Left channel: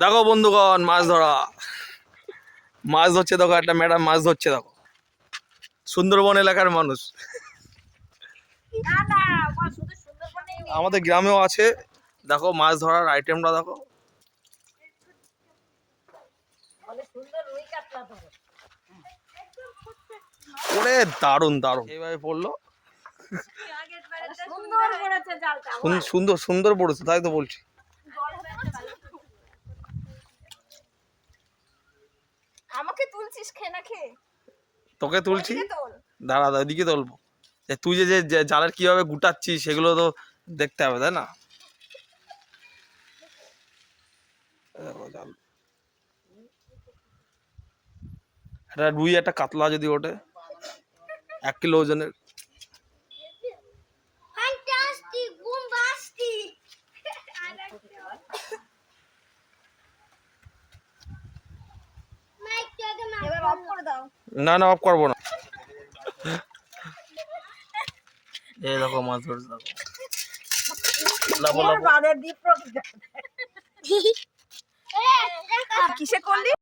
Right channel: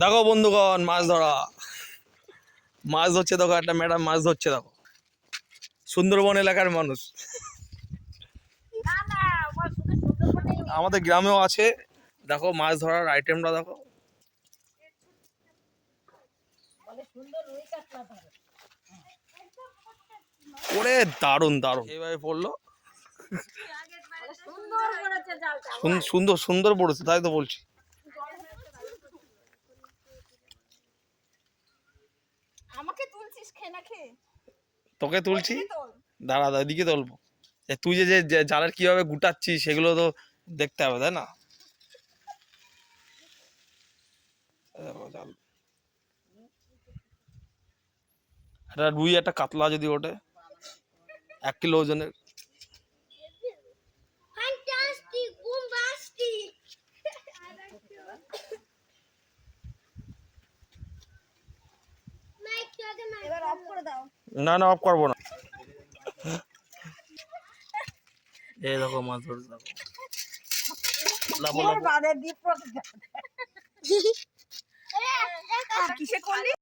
দেখো বন্ধুগণ, মাছ ধরা, মাছ ধরছে। দেখো একটা ম্যাডাম মাছ ধরছে। দেখো সুন্দরবন এলাকার মানুষ, আমাদের গ্রামেও আছে। দেখো মাছ ধরার আইটেমটা দেখো। ওরে দারুণ দারুণ, এইভাবে পড়লো। সুন্দর সুন্দর পড়েছে, তাই তো বলছি। আমাকে তুলছিস খেয়ে না খেয়ে? তোকে তুলছি, দাঁড়া ওইদিকে তুলবো। তুই যে জালের কিভাবে গুটাচ্ছিস সেগুলো তো দেখতে হবে, তাই না? জাল একটা রুই, একটা কাতলা যদি ওঠে 1 কিলো ওজনের। না না, অফ করবো না। এই দেখো মাছ ধরছে, দেখো। কিসে করলি?